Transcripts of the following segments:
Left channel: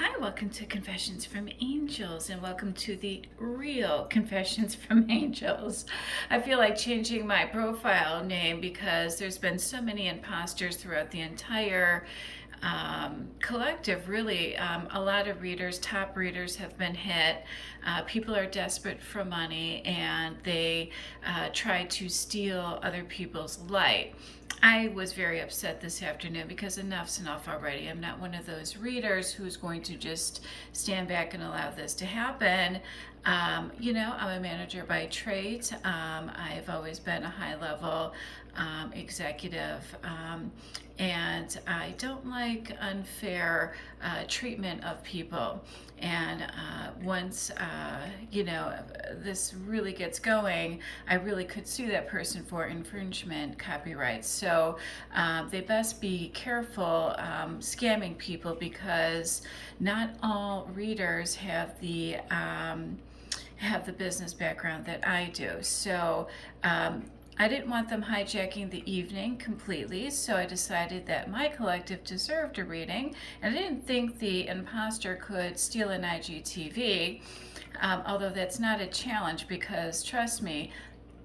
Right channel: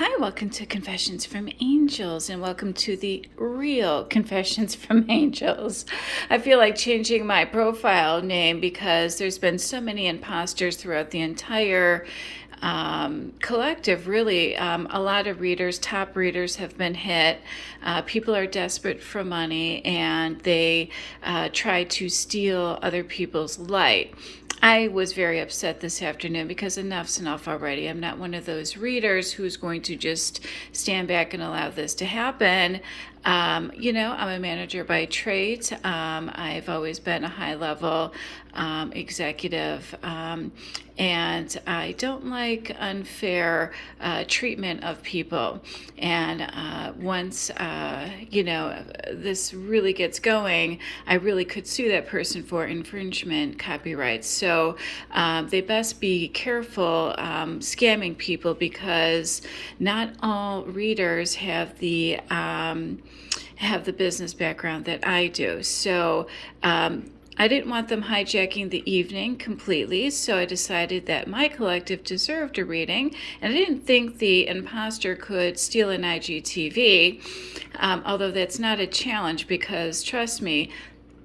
Hi, welcome to Confessions from Angels, and welcome to the real Confessions from Angels. I feel like changing my profile name because there's been so many imposters throughout the entire collective, really. A lot of readers, top readers, have been hit. People are desperate for money, and they try to steal other people's light. I was very upset this afternoon because enough's enough already. I'm not one of those readers who's going to just stand back and allow this to happen. I'm a manager by trade. I've always been a high level executive, and I don't like unfair treatment of people. And once this really gets going, I really could sue that person for infringement copyrights. So they best be careful scamming people, because not all readers have the business background that I do. So I didn't want them hijacking the evening completely, so I decided that my collective deserved a reading, and I didn't think the imposter could steal an IGTV, although that's not a challenge, because trust me,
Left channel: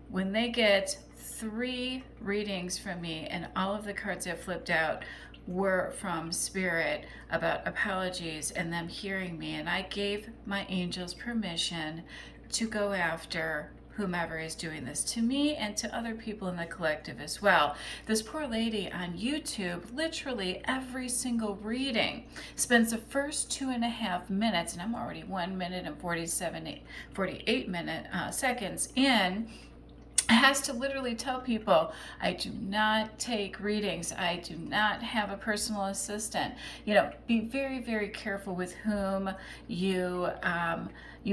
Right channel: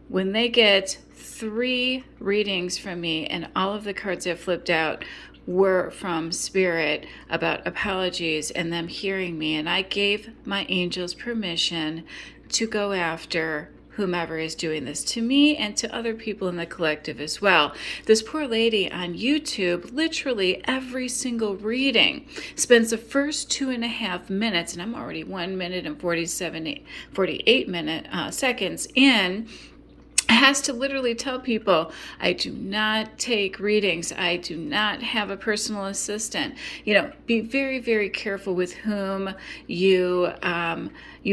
when they get 3 readings from me and all of the cards I flipped out were from Spirit about apologies and them hearing me, and I gave my angels permission to go after whomever is doing this to me and to other people in the collective as well. This poor lady on YouTube, literally every single reading, spends the first 2.5 minutes, and I'm already 1 minute and 48 seconds in, has to literally tell people, I do not take readings. I do not have a personal assistant. Be very, very careful with whom you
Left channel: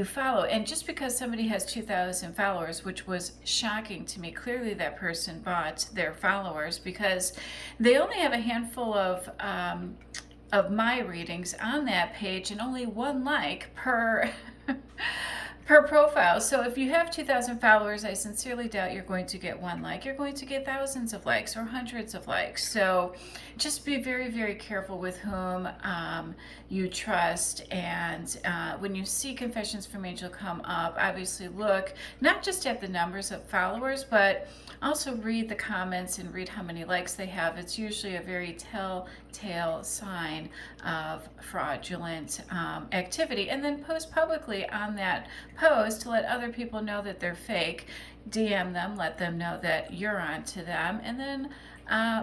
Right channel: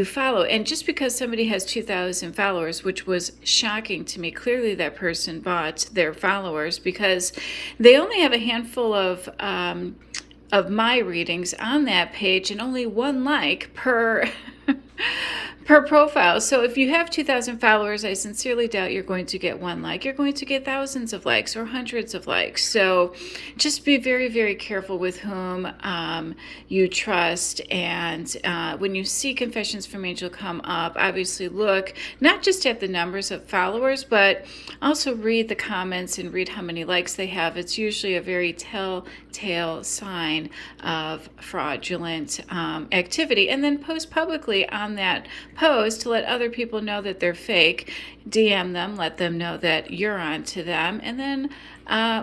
follow. And just because somebody has 2,000 followers, which was shocking to me, clearly that person bought their followers, because they only have a handful of my readings on that page and only 1 like per per profile. So if you have 2,000 followers, I sincerely doubt you're going to get 1 like. You're going to get thousands of likes or hundreds of likes. So just be very, very careful with whom you trust. And when you see Confessions from Angel come up, obviously look not just at the numbers of followers, but also read the comments and read how many likes they have. It's usually a very telltale sign of fraudulent activity. And then post publicly on that post to let other people know that they're fake. DM them, let them know that you're on to them, and then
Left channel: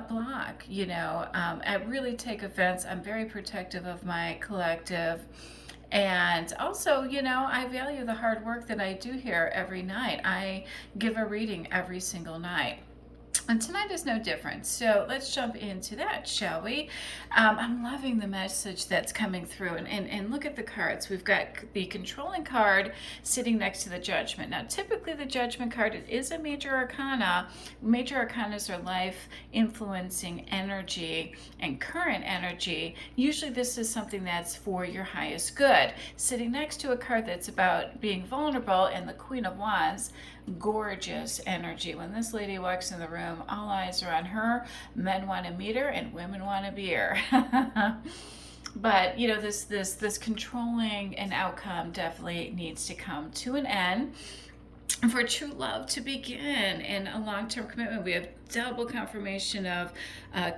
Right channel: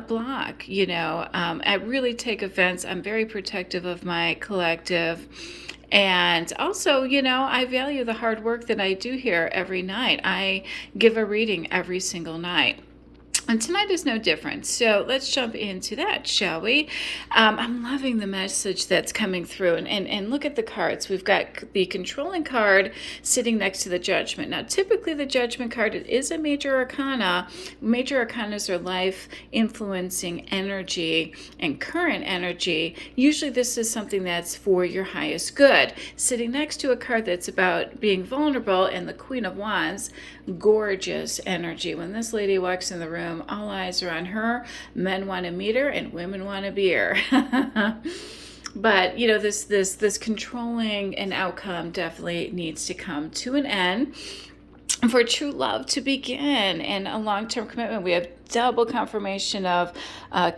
block. I really take offense. I'm very protective of my collective. And also, I value the hard work that I do here every night. I give a reading every single night. And tonight is no different. So let's jump into that, shall we? I'm loving the message that's coming through. And look at the cards. We've got the controlling card sitting next to the judgment. Now, typically the judgment card is a major arcana. Major arcanas are life-influencing energy and current energy. Usually this is something that's for your highest good. Sitting next to a card that's about being vulnerable, and the Queen of Wands, gorgeous energy. When this lady walks in the room, all eyes are on her. Men want to meet her and women want to be her. But this controlling an outcome definitely needs to come to an end for true love to begin, and a long-term commitment. We have double confirmation of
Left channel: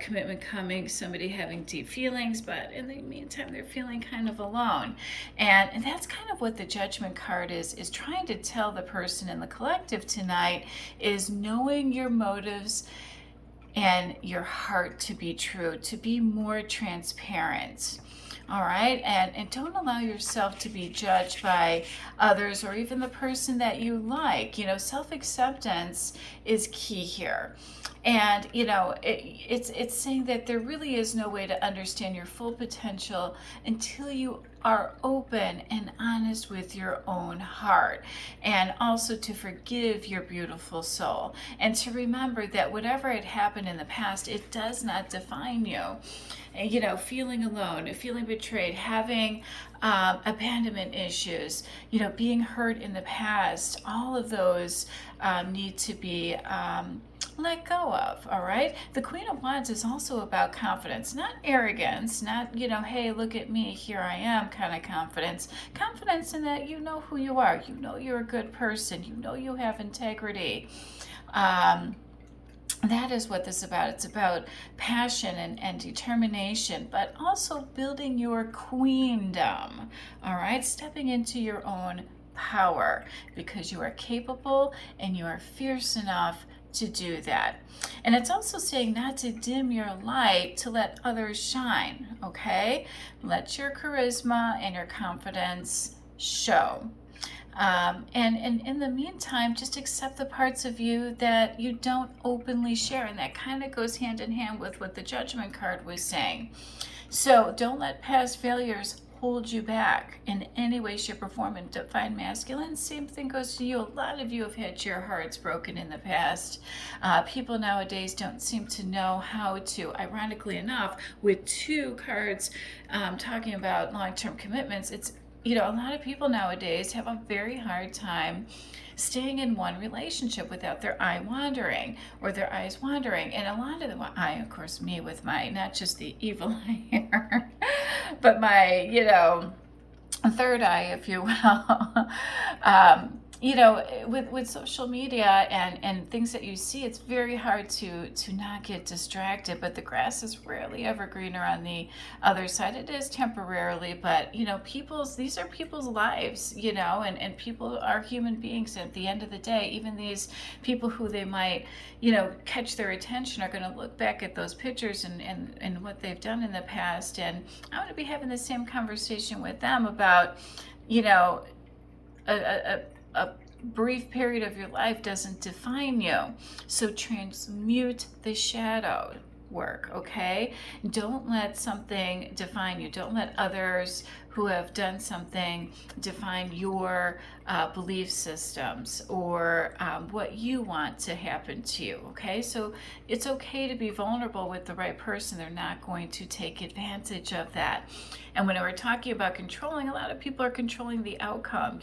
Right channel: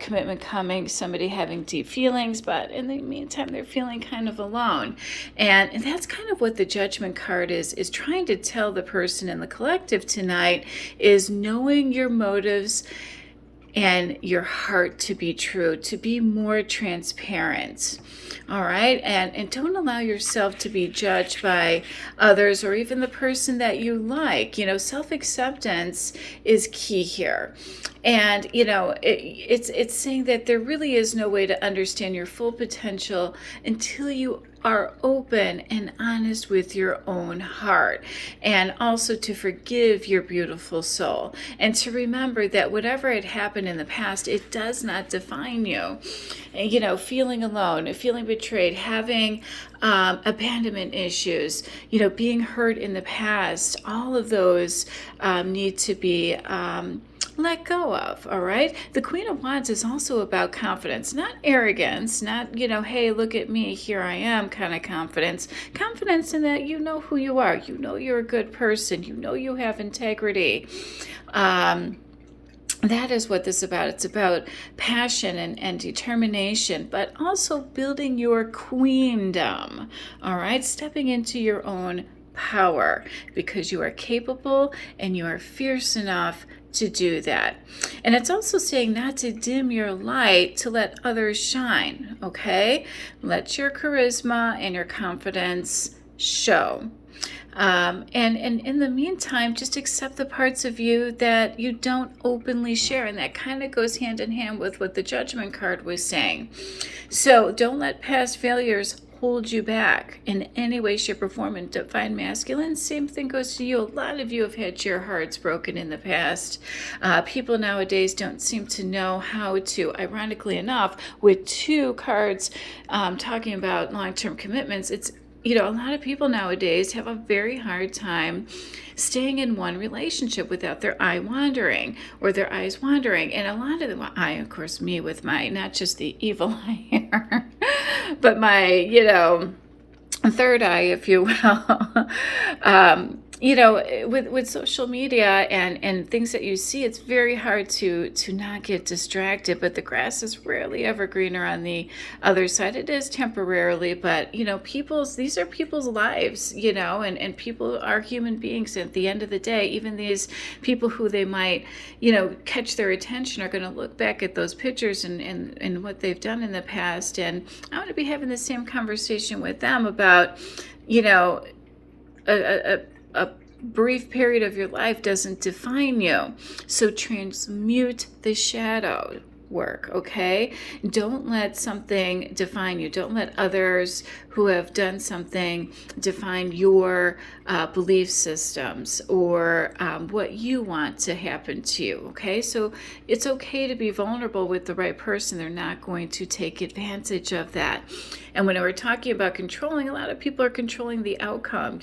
commitment coming, somebody having deep feelings, but in the meantime they're feeling kind of alone. And that's kind of what the judgment card is trying to tell the person in the collective tonight, is knowing your motives and your heart to be true, to be more transparent. All right, and don't allow yourself to be judged by others or even the person that you like. Self-acceptance is key here. And it's saying that there really is no way to understand your full potential until you are open and honest with your own heart, and also to forgive your beautiful soul, and to remember that whatever had happened in the past, it does not define you. And, feeling alone, feeling betrayed, having abandonment issues, being hurt in the past, all of those need to be let go of. All right. The Queen of Wands is also about confidence, not arrogance, not, hey, look at me, here I am kind of confidence. Confidence in that you know who you are, you know you're a good person, you know you have integrity. That is what this is about. It's about passion and determination, but also building your queendom. All right, stepping into your own power because you are capable and you are fierce enough to do that. And it's also saying not to dim your light, to let others shine. Okay, let your charisma and your confidence show. And in the meantime, just accept the parts of you that you don't openly share. And that kind of goes hand in hand with what the Judgment card was saying. So don't let past failures hold you back in any way, shape, or form. And Divine Masculine, same thing goes to you. A lot of you have had your hearts broken in the past. People nowadays don't seem to know how to, ironically enough, with 2 cards talking about long-term commitments, it's a lot of people nowadays have a very hard time staying in one relationship without their eye wandering or their eyes wandering. And a lot of them, of course, me with my, not just the evil eye here, but my, third eye, if you will. With social media and things that you see, it's very hard to not get distracted, but the grass is rarely ever greener on the other side. It is temporarily, but these are people's lives, and people are human beings at the end of the day. Even these people who they might catch their attention are going to look back at those pictures and what they've done in the past, and I want to be having the same conversation with them about a brief period of your life doesn't define you. So transmute the shadow work, okay? Don't let something define you. Don't let others who have done something define your belief systems or what you want to happen to you, okay? So it's okay to be vulnerable with the right person. They're not going to take advantage of that. And when we're talking about controlling, a lot of people are controlling the outcome,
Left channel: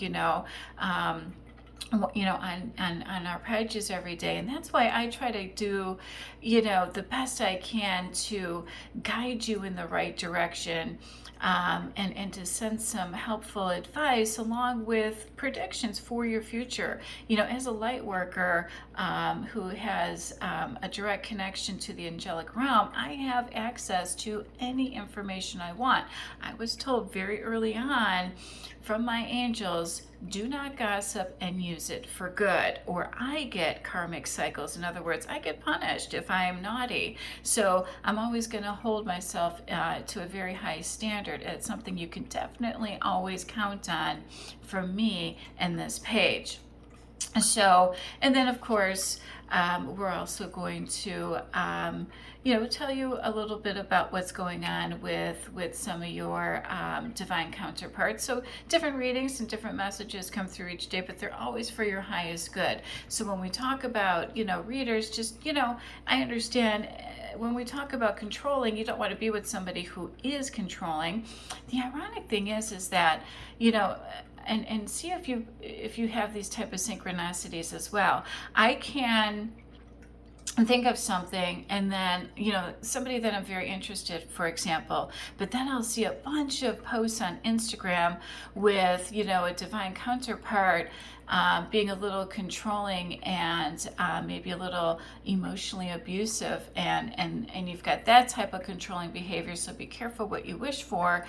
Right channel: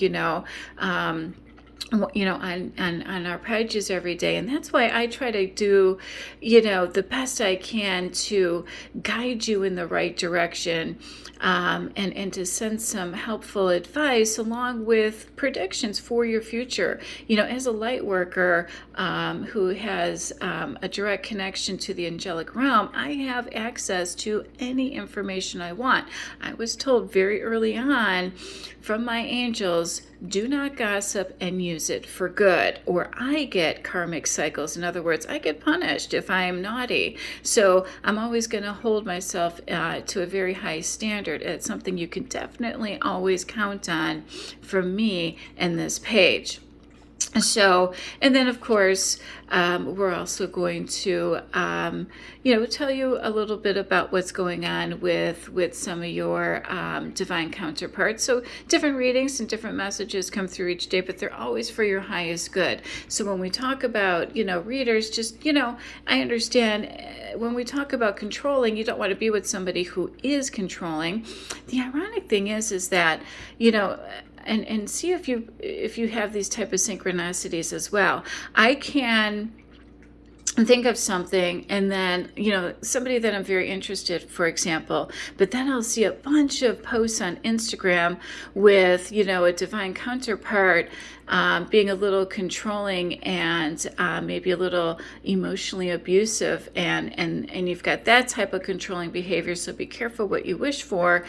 on our pages every day. And that's why I try to do, the best I can to guide you in the right direction, and to send some helpful advice along with predictions for your future. As a light worker who has a direct connection to the angelic realm, I have access to any information I want. I was told very early on from my angels, do not gossip and use it for good, or I get karmic cycles. In other words, I get punished if I am naughty. So I'm always going to hold myself to a very high standard. It's something you can definitely always count on from me and this page. So, and then of course, we're also going to, tell you a little bit about what's going on with some of your divine counterparts. So different readings and different messages come through each day, but they're always for your highest good. So when we talk about, readers, just, I understand when we talk about controlling, you don't want to be with somebody who is controlling. The ironic thing is that, and see if you have these type of synchronicities as well. I can think of something and then somebody that I'm very interested, for example, but then I'll see a bunch of posts on Instagram with a divine counterpart being a little controlling and maybe a little emotionally abusive, and you've got that type of controlling behavior. So be careful what you wish for.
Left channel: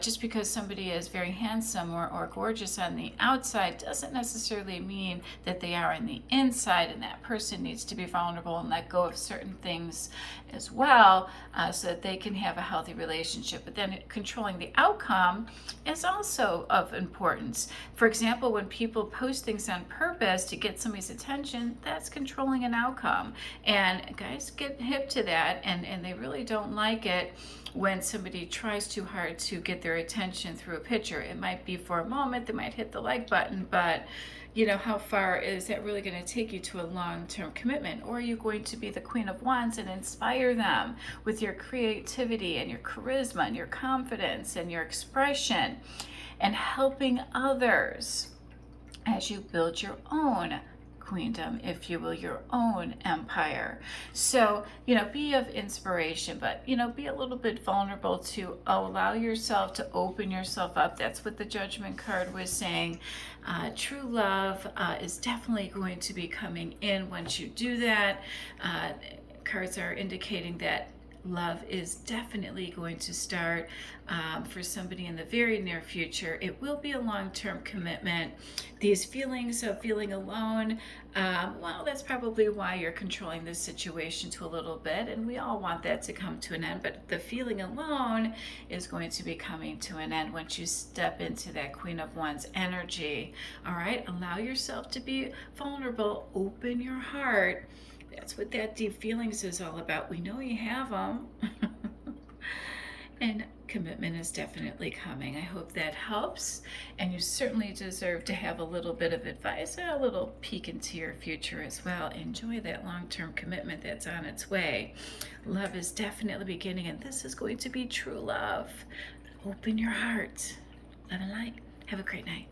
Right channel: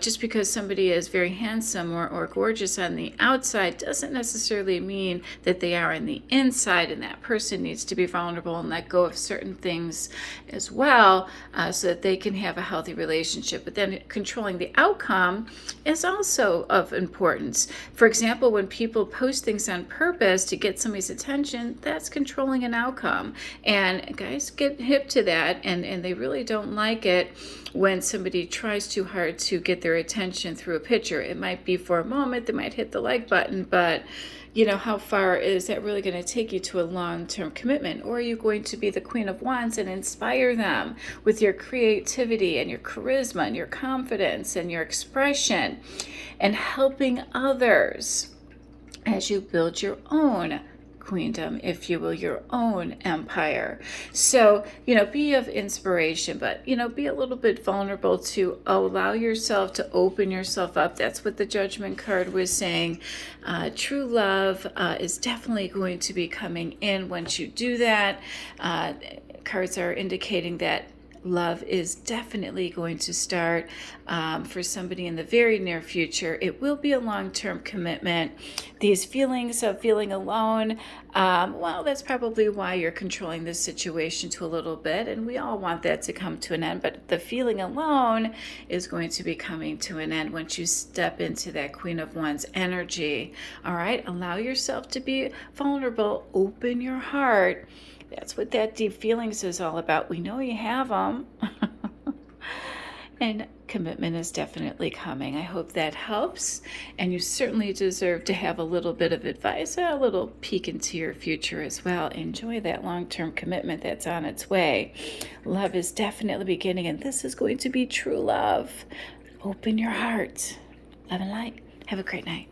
Just because somebody is very handsome or gorgeous on the outside doesn't necessarily mean that they are on the inside, and that person needs to be vulnerable and let go of certain things as well, so that they can have a healthy relationship. But then controlling the outcome is also of importance. For example, when people post things on purpose to get somebody's attention, that's controlling an outcome. And guys get hip to that, and they really don't like it when somebody tries too hard to get their attention through a picture. It might be for a moment, they might hit the like button, but how far is that really going to take you to a long-term commitment? Or are you going to be the Queen of Wands and inspire them with your creativity and your charisma and your confidence and your expression, and helping others as you build your own queendom, if you will, your own empire. So, be of inspiration, but, be a little bit vulnerable to allow yourself to open yourself up. That's what the Judgment card was saying. True love is definitely going to be coming in once you do that. Cards are indicating that love is definitely going to start for somebody in the very near future. It will be a long-term commitment. These feelings of feeling alone, well, that's probably why you're controlling this situation to a little bit, and we all want that to come to an end, but the feeling alone is going to be coming to an end once you step into that Queen of Wands energy. All right, allow yourself to be vulnerable, open your heart. That's what that deep feelings is all about. We know you have them. And commitment is definitely coming. I hope that helps. And you certainly deserve to have a little bit of advice, a little peek into your future as well. Enjoy that long-term commitment that's on its way. Love is definitely beginning, and this is going to be true love. Open your heart. Love and light. Have a great night.